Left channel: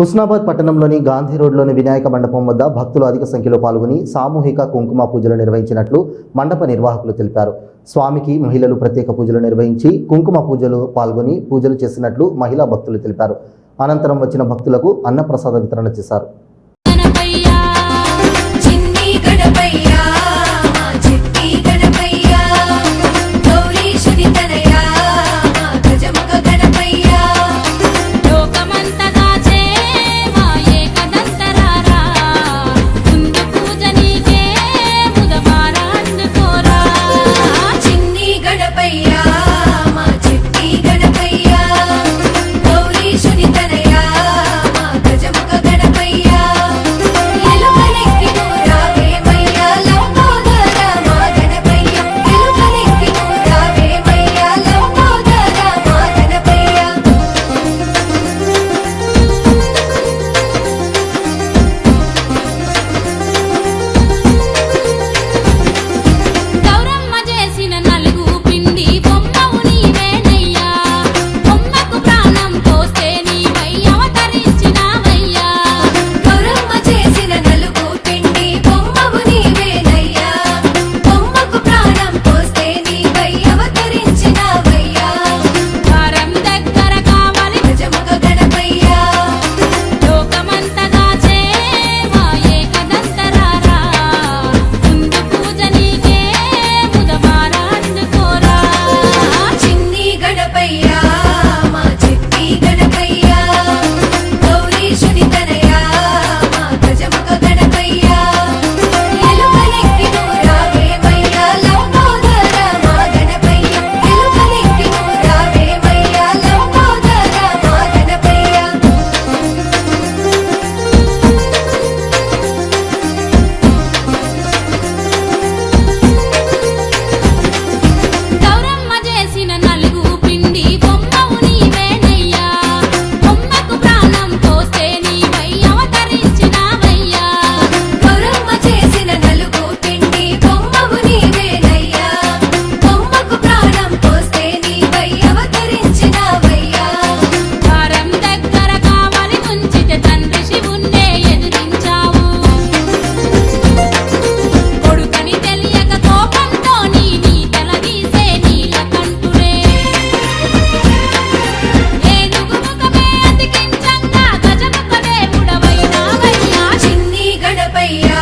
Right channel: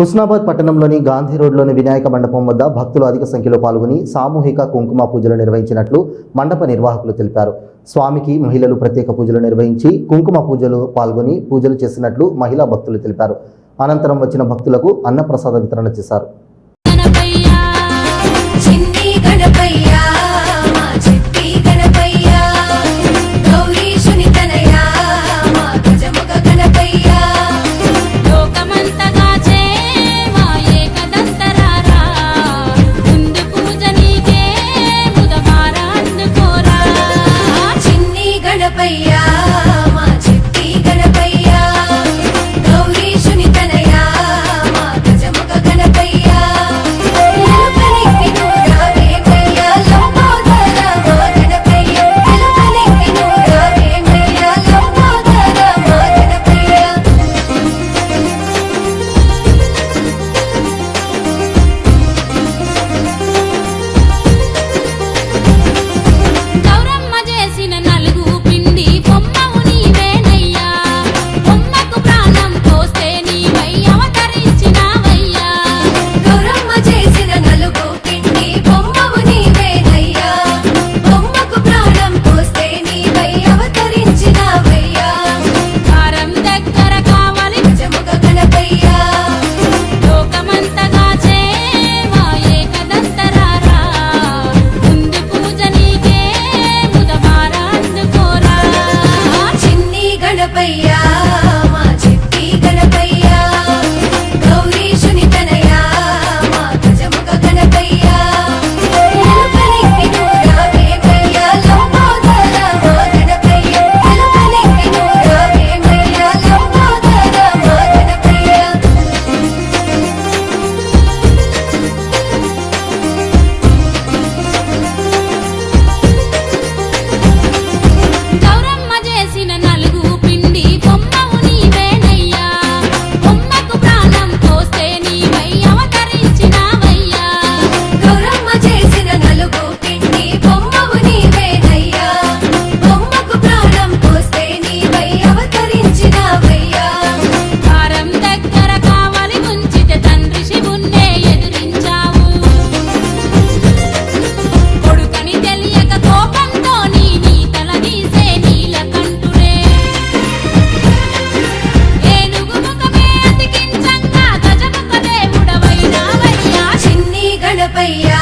హుస్నాబాద్ పట్టణంలోని గాంధీ రోడ్లోని వినాయక మండపం వద్ద భక్తులు అధిక సంఖ్యలో పాల్గొని సామూహిక కుంకుమ పూజలు నిర్వహించినట్లు మండప నిర్వాహకులు తెలిపారు. స్వామికి మహిళలు ప్రత్యేక పూజలు నిర్వహించి కుంకుమ పూజలు పాల్గొని పూజలు చేసినట్లు మహిళా భక్తులు తెలిపారు. అనంతరం వచ్చిన భక్తులకు అన్నప్రసాద వితరణ చేశారు. ஐயா yeah.